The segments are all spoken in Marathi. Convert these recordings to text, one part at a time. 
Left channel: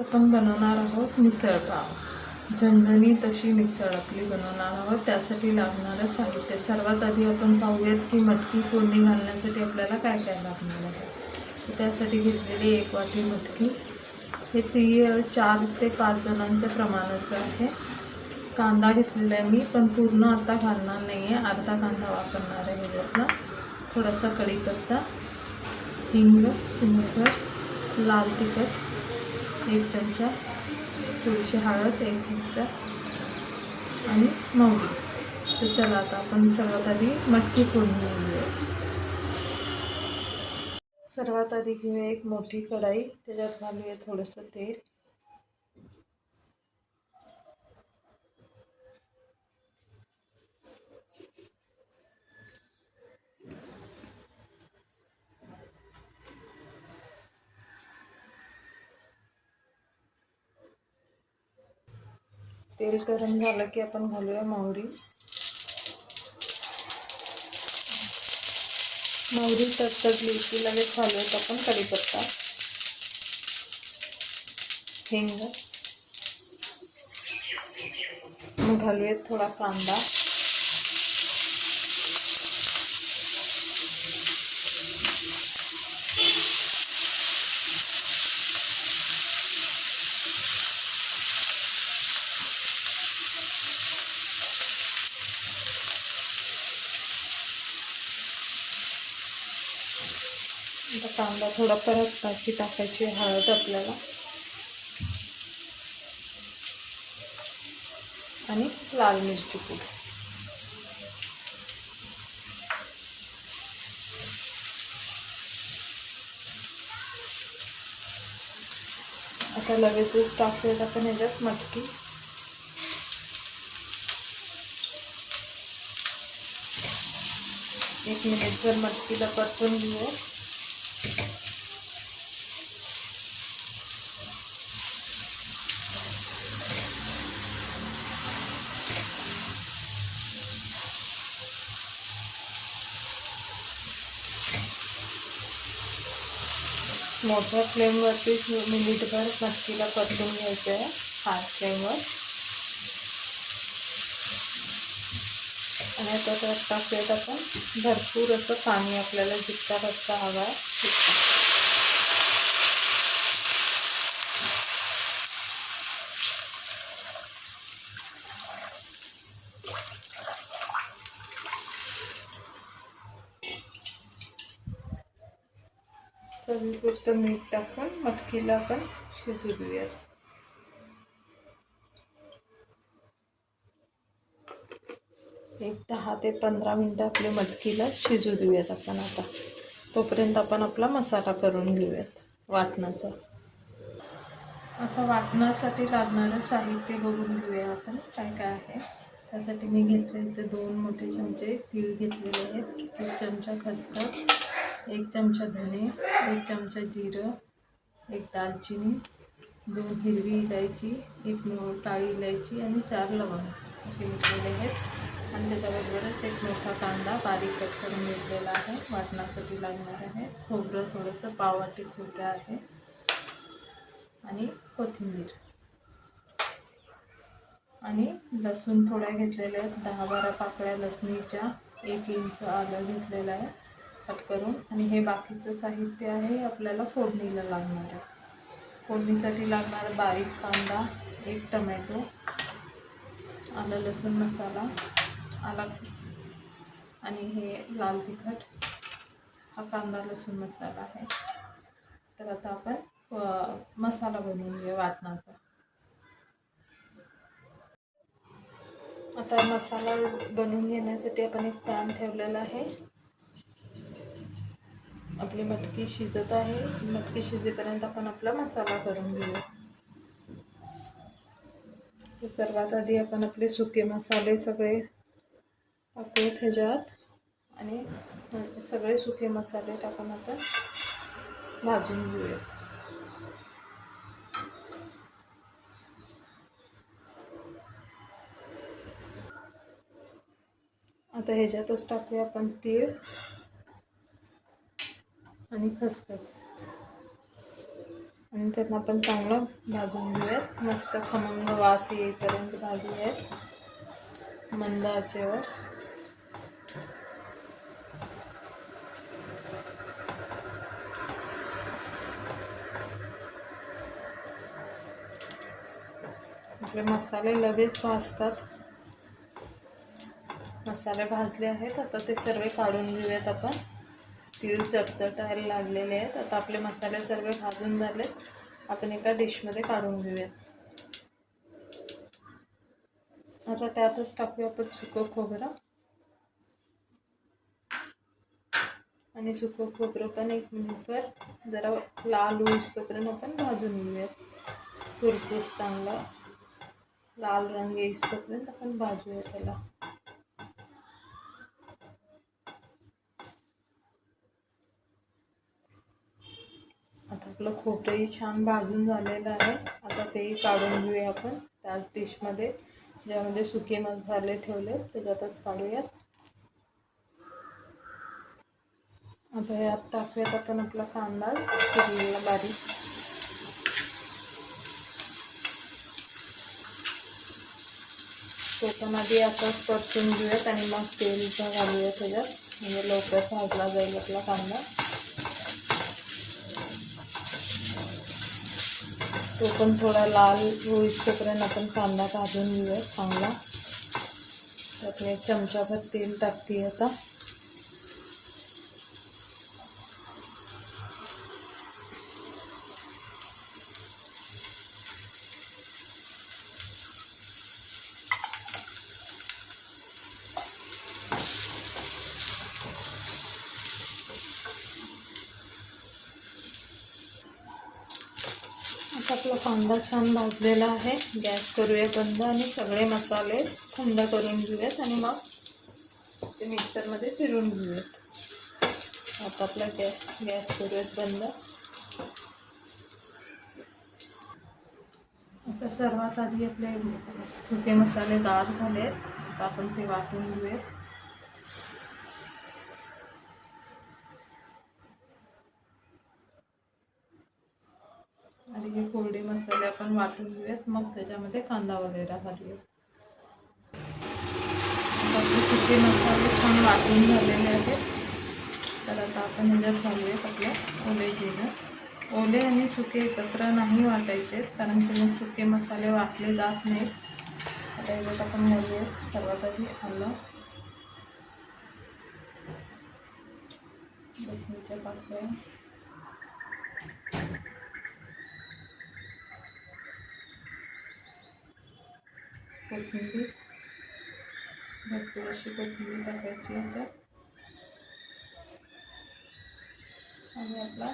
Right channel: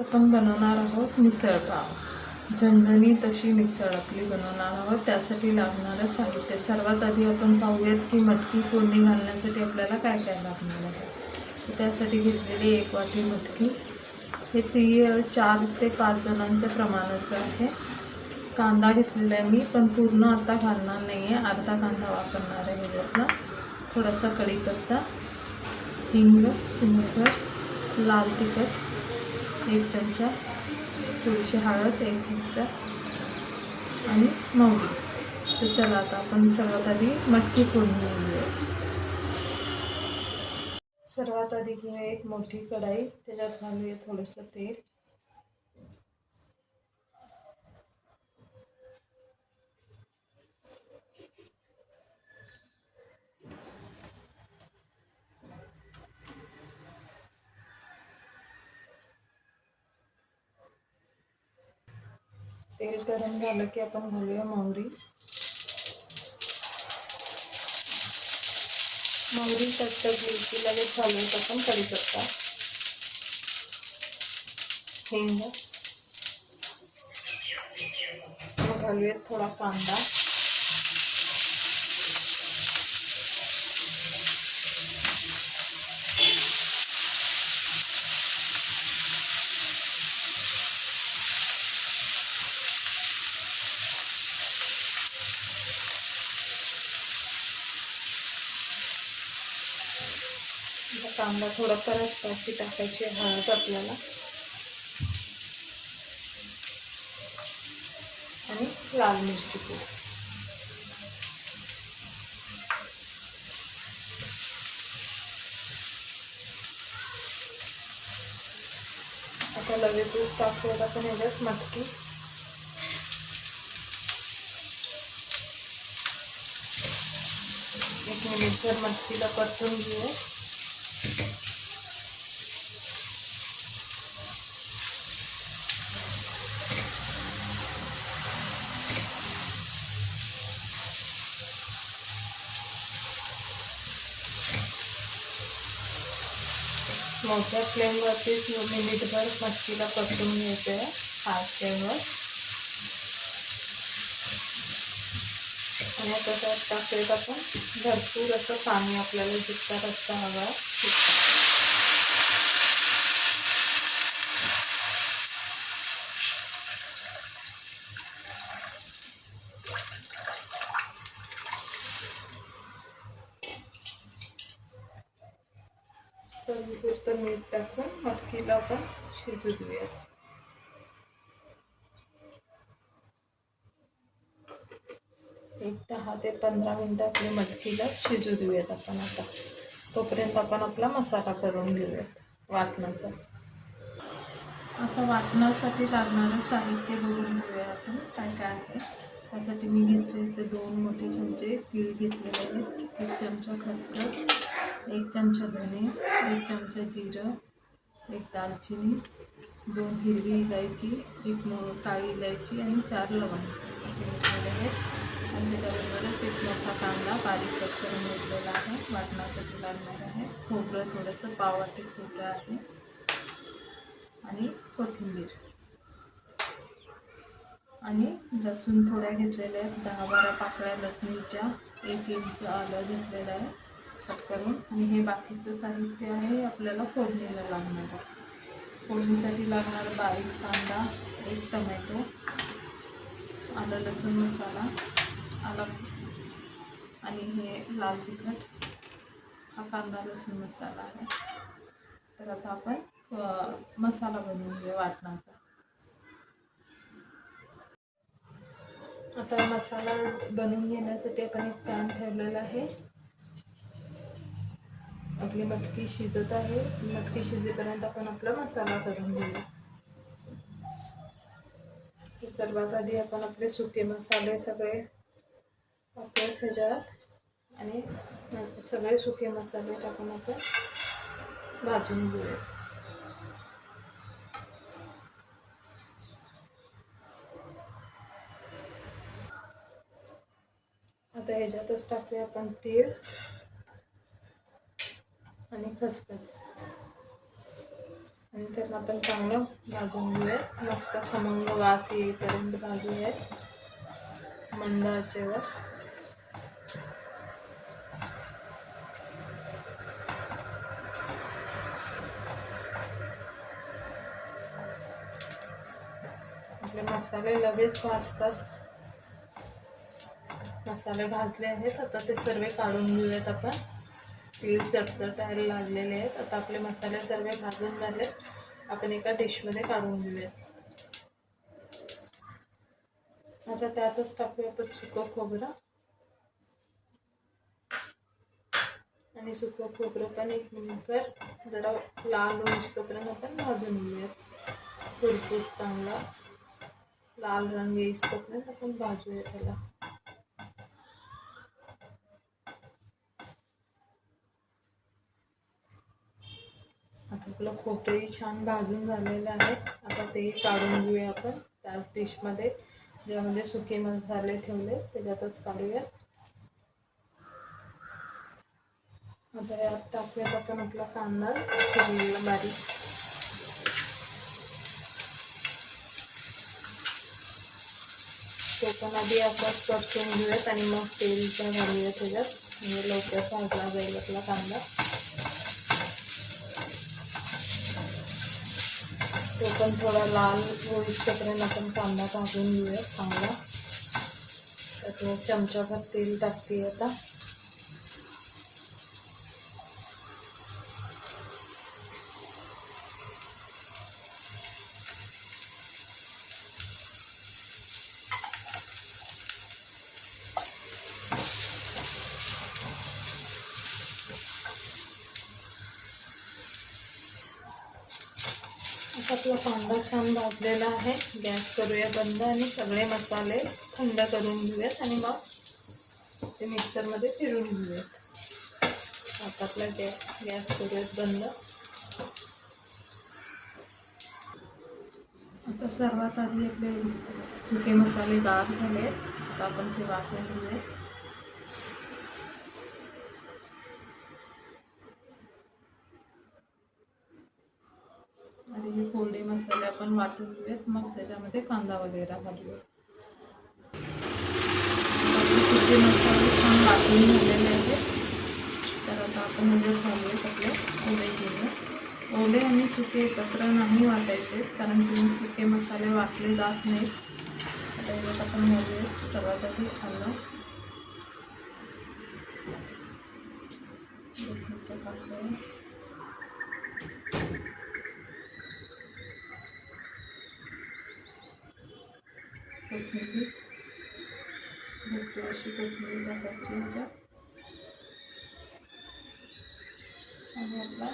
आपण बनवणार आहोत मिसळ पाव। झणझणीत अशी मिसळ आपली बनवणार आहोत। त्यासाठी लागणारं साहित्य सर्वात आधी आपण पाहूयात की मटकी फोडणी घालण्यासाठी आपल्याला काय काय लागणार आहे। तर त्यासाठी घेतलेली 1 वाटी मटकी, हे 4 ते 5 जणांच्या प्रमाणाचं आहे। कांदा घेतलेला आहे मी, पण पूर्ण आता घालणार नाही आहे, अर्धा कांदा वापरणार आहे ह्याच्यातला। थोडासा कढीपत्ता, हिंग चिमूटभर, लाल तिखट 1 चमचा, थोडीशी हळद 1 चमचा आणि मोहरी। तर चला आता आपण सर्वात आधी मटकी फोडणी घेऊया। सर्वात आधी घेऊया एक मोठी कढाई, त्याच्यात घालूया थोडंसं तेल। तेल गरम झालं की आपण घालूया मोहरी। मोहरी तडतडली की लगेच घालूयात आपण कढीपत्ता, हिंग, मग घालूयात थोडा कांदा, कांदा थोडा परतला की टाकायची हळद आपल्याला आणि लाल मिरची पूड। आता लगेचच टाकूयात आपण ह्याच्यात मटकी। एक मिनिटभर मटकीला परतून घेऊ। मोठ्या फ्लेमवरती मिनिटभर मटकीला परतून घ्यायचं आहे, फास्ट फ्लेमवर। आणि आता त्यात टाकूयात आपण भरपूर असं पाणी, आपल्याला जितका रस्सा हवा तितका। चवीपुरतं मीठ टाकून मटकीला आपण शिजू देऊयात। एक 10 ते 15 मिनिटं आपल्या मटकीला शिजू देऊयात आपण आता। तोपर्यंत आपण आपला मसाला करून घेऊयात वाटणाचा। आता वाटणासाठी लागणारं साहित्य बघून घेऊया आपण काय काय आहे। त्यासाठी मी घेतले इथे 2 मोठे चमचे तीळ घेतलेले आहेत, 1 चमचा खसखस, 1 चमचा धने, 1 चमचा जिरं, 1 दालचिनी, 2 हिरवी इलायची, 1 काळी इलायची आणि 4 लवंग असे घेतलेले आहेत। आणि त्याच्याबरोबरच 1 मोठा कांदा बारीक कट करून घेतलेला आहे, वाटणासाठी लागणार आहे। खोबरं थोडंसं पाववाटी खोबरं आहे आणि कोथिंबीर आणि लसूण थोड्या घेतलेल्या आहेत, 10-12 पाकळ्या लसणीच्या, 1 इंच आलं घेतलेलं आहे कट करून। आणि हे बाकीचं साहित्य आहे आपल्याला फोडणीला लागणार आहे। फोडणीसाठी लागणारा बारीक कांदा, 1 टमॅटो, आलं लसूण मसाला, आला आणि हे लाल तिखट, हा कांदा लसूण मसाला आहे। तर आता आपण मसाला बनवून घेऊ वाटणाचा। आता मसाला बनवून घेण्यासाठी आपण एक पॅन ठेवलेला आहे। आपली मटकी शिजत आहे, मटकी शिजेपर्यंत आपण आपला मसाला करून घेऊया। तर सर्वात आधी आपण आपले सुके मसाले सगळे टाकूयात ह्याच्यात आणि सगळे सुके मसाले टाकून आपण भाजून घेऊयात। आता ह्याच्यातच टाकूया आपण तीळ आणि खसखस। आणि त्यांना आपण चांगलं भाजून घेऊयात. मस्त खमंग वास येईपर्यंत भाजूयात मंद आचेवर. आपले मसाले लगेच भाजतात. मसाले भाजले आहेत. आता ते सर्व काढून घेऊयात आपण. तीळ चटचटायला लागलेले आहेत. आता आपले मसाले सर्व भाजून झाले. आपण एका डिशमध्ये काढून घेऊयात. आता त्यातच टाकूया आपण सुकं खोबरं. आणि सुकं खोबरं पण 1 मिनिटभर जरा लाल होईस्तोपर्यंत आपण भाजून घेऊयात. खरपूस चांगला लाल रंग येईस्तोपर्यंत आपण भाजूया त्याला. आता आपलं खोबरंही छान भाजून झालेलं आहे. आता तेही काढून घेऊया आपण त्याच डिशमध्ये, ज्यामध्ये सुके मसाले ठेवले त्याच्यातच काढूयात. आता यात टाकूयात आपण आपला कांदा चिरलेला बारीक. तो पण आधी आता परतून घेऊयात आणि मग तेलचा घालूया त्याच्यात, म्हणजे लवकर भाजला जाईल आपला कांदा. तो पण थोडा लाल होईस्तोपर्यंत आपण कांदा भाजून घेऊयात चांगला. त्यात मी 1 चमचाभर तेल टाकते आता. आपला कांदा छान भाजलेला आहे. गॅस करूया बंद आणि सगळे मसाले थंड करून घेऊयात आणि मग ते मिक्सरमध्ये फिरून घेऊयात. आता आपला गॅस करूयात बंद. आता सर्वात आधी आपले सुके मसाले गार झाले आहेत. आता आपण ते वाटून घेऊयात. आधी हे कोरडे मसाले आपण वाटून घेऊयात, मग त्याच्यामध्ये कांदा वगैरे घालूयात. आपले सुके मसाले छान वाटून झालेले आहेत. तर आता आपण ह्याच्यात घालूयात आपलं ओले जिन्नस. ओले आणि सुके एकत्र नाही वाटायचे, कारण तुम्ही सुके मसाले वाटले जात नाहीत. आता ह्याच्यात आपण घालूयात सर्वात आधी आलं, लसणीच्या पाकळ्या, कोथिंबीर, भरपूर अशी कोथिंबीर टाकायची ह्याच्यात. आणि आपला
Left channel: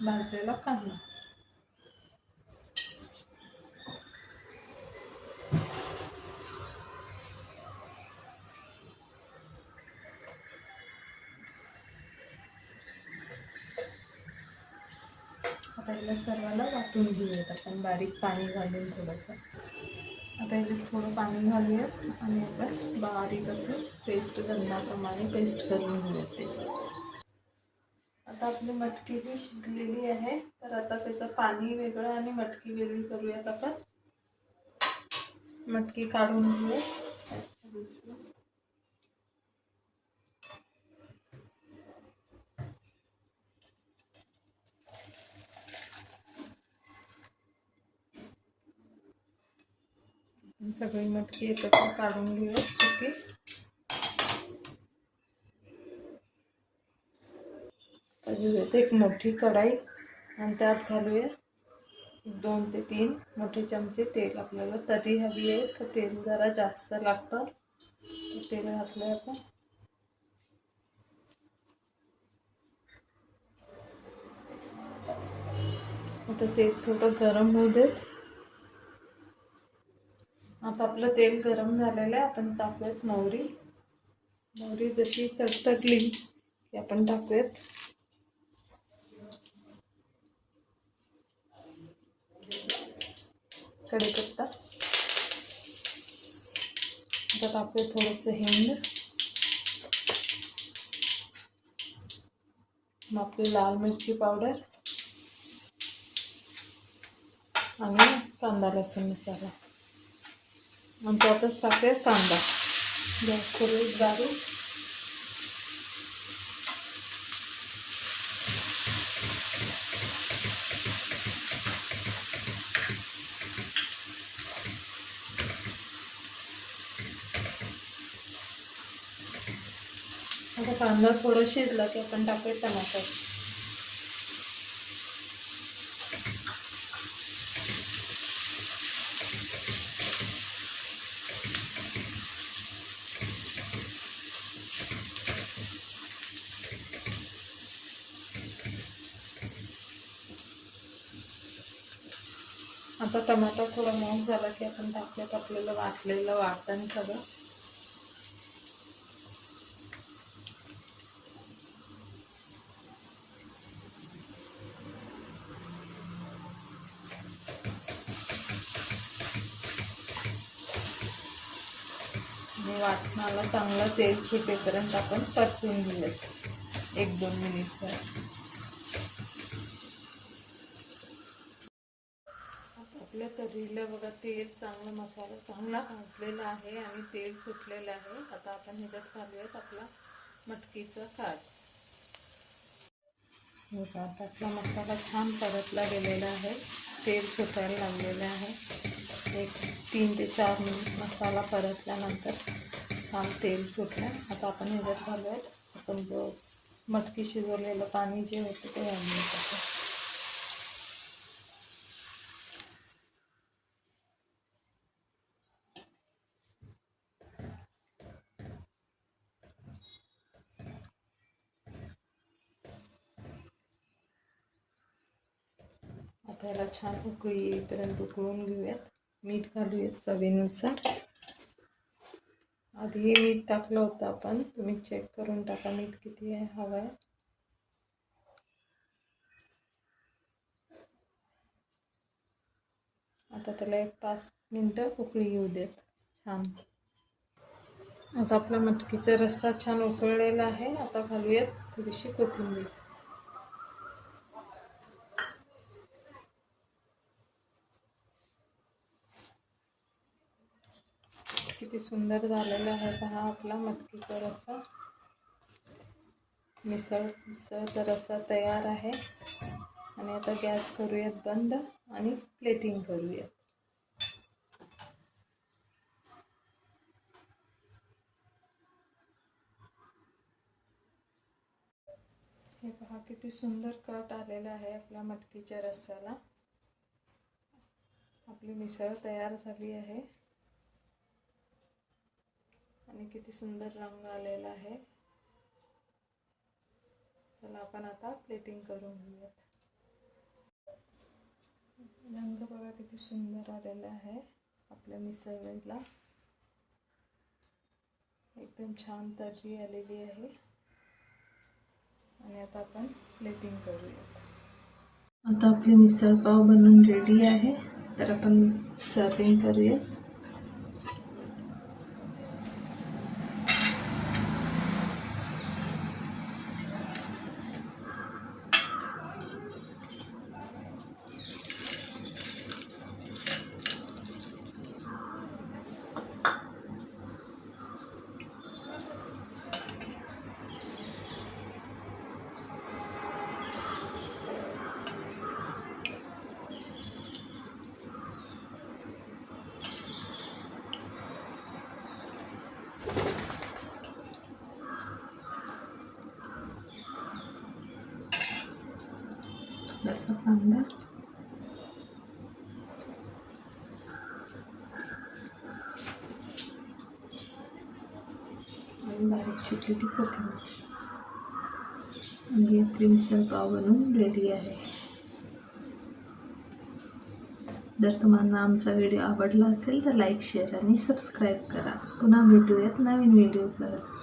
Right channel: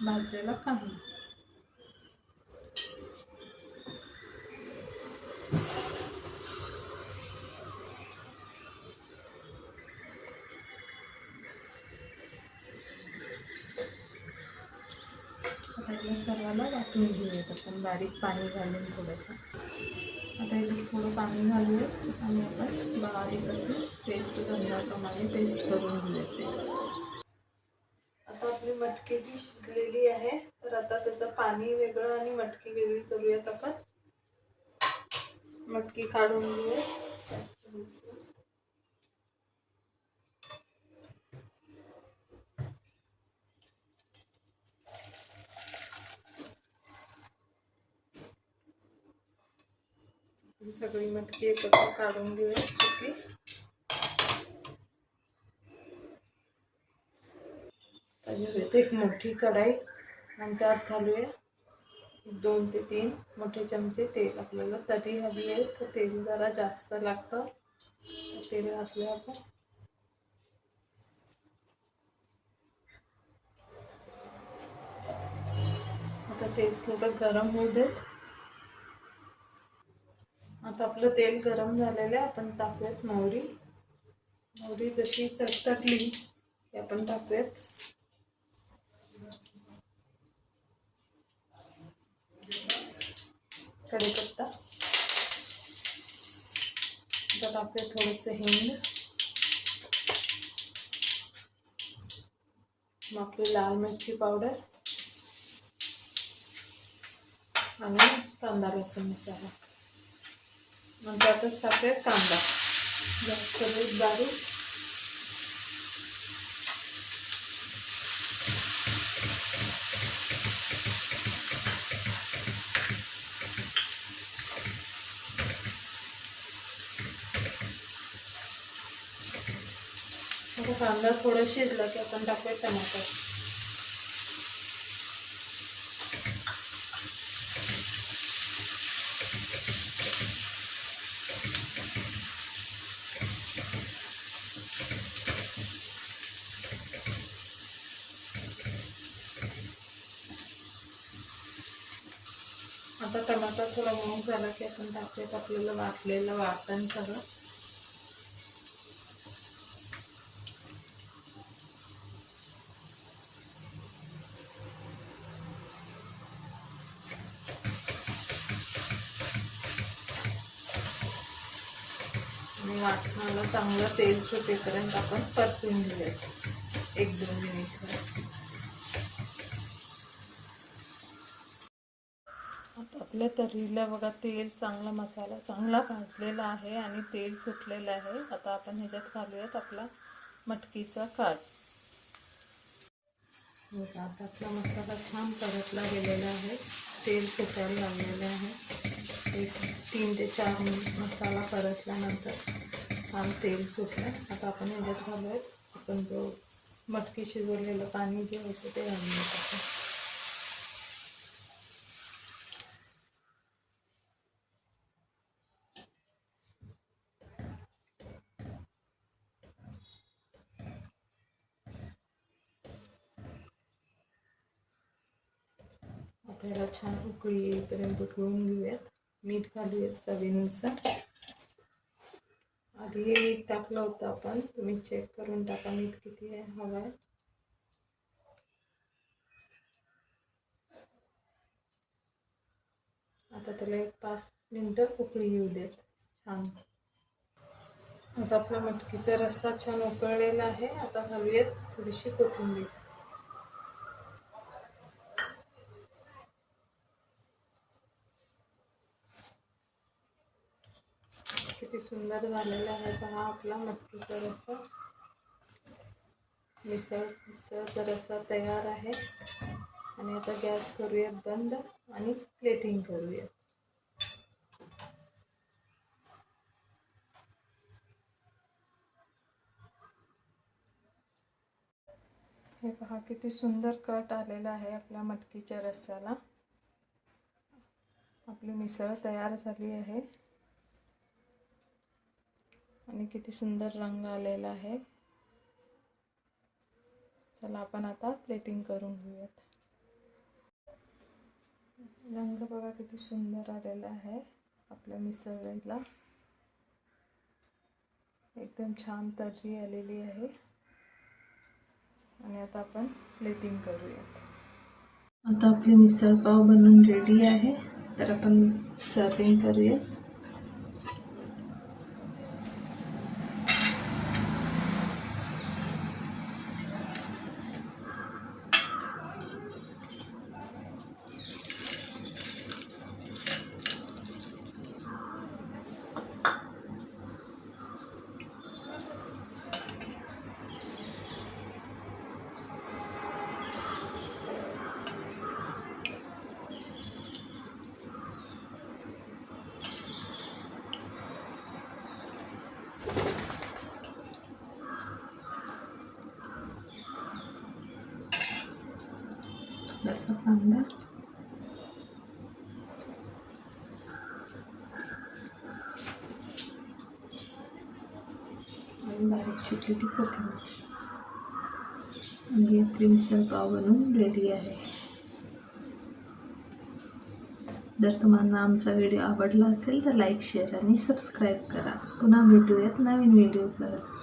भाजलेला कांदा. आता याला सर्वाला वाटून घेऊयात आपण बारीक पाणी घालून थोडंसं. आता याच्यात थोडं पाणी घालूयात आणि आपण बारीक अशी पेस्ट गंधाप्रमाणे पेस्ट करून घेऊयात त्याच्यात. आता आपली मटकी ही शिजलेली आहे. तर आता त्याचं पाणी वेगळं आणि मटकी वेगळी करूयात आपण. मटकी काढून घेऊयात. सगळी मटकी एकत्र काढून घेऊयात सुकी. घेऊयात एक मोठी कढाई आणि त्यात घालूया 2 ते 3 मोठे चमचे तेल. आपल्याला तरी हवी आहे तर तेल जरा जास्त लागतं. तेल घातलं आपण. आता तेल थोडं गरम होऊ देत. आता आपलं तेल गरम झालेलं आहे. आपण टाकूयात मोहरी. मोहरी जशी तडतडली की आपण टाकूयात कढीपत्ता. आता टाकूयात थोडंसं हिंग, मग आपली लाल मिरची पावडर, आणि कांदा लसूण मसाला आणि त्यातच टाकूया कांदा. गॅस करू बारीक. आता कांदा थोडा शिजला की आपण टाकूया टमाटर. आता टमाटर थोडा मऊ झाला की आपण टाकूयात आपल्याला वाटलेलं वाटण सगळं. आणि वाटणाला चांगलं तेल सुटेपर्यंत आपण परतून घेऊयात 1-2 मिनिट. आता आपल्या तर्रीला बघा तेल चांगला, मसाला चांगला भाजलेला आहे आणि तेल सुटलेलं आहे. आता आपण ह्याच्यात घालूयात आपला मटकीचा काट. बघा आता आपला मसाला छान परतला गेलेला आहे, तेल सुटायला लागलेलं आहे. 3 ते 4 मसाला परतल्यानंतर छान तेल सुटलं. आता आपण ह्याच्यात घालूयात आपण जो मटकी शिजवलेलं पाणी जे होतं ते घालून टाकू. आता याला छान उकळी येईपर्यंत उकळून घेऊयात. मीठ घालूयात चवीनुसार. आधी मीठ टाकलं होतं आपण, तुम्ही चेक करून टाका मीठ किती आहे हवं आहे. आता त्याला 1-5 मिनटं उकळी येऊ देत छान. आता आपला मटकीचा रस्सा छान उकळलेला आहे. आता घालूयात थोडीशी कोथिंबीर. किती सुंदर झालेला आहे पहा आपला मटकीचा रस्सा. मिसळचा रस्सा तयार आहे. आणि आता गॅस करूयात बंद आणि प्लेटिंग करूयात. हे पहा किती सुंदर कट आलेला आहे आपल्या मटकीच्या रस्स्याला. आपली मिसळ तयार झाली आहे आणि किती सुंदर रंग आलेला आहे. चला आपण आता प्लेटिंग करून घेऊयात. रंग बघा किती सुंदर आलेला आहे आपल्या मिसळीला. एकदम छान तर्री आलेली आहे. आणि आता आपण प्लेटिंग करूयात. आता आपले मिसळ पाव बनवून रेडी आहे. तर आपण सर्विंग करूयात. जसा कांदा आणि बारीक चिरलेली कोथिंबीर. आणि आपली मिसळ पाव बनवून रेडी आहे. जर तुम्हाला आमचा व्हिडिओ आवडला असेल तर लाईक, शेअर आणि सबस्क्राईब करा. पुन्हा भेटूयात नवीन व्हिडिओ करत.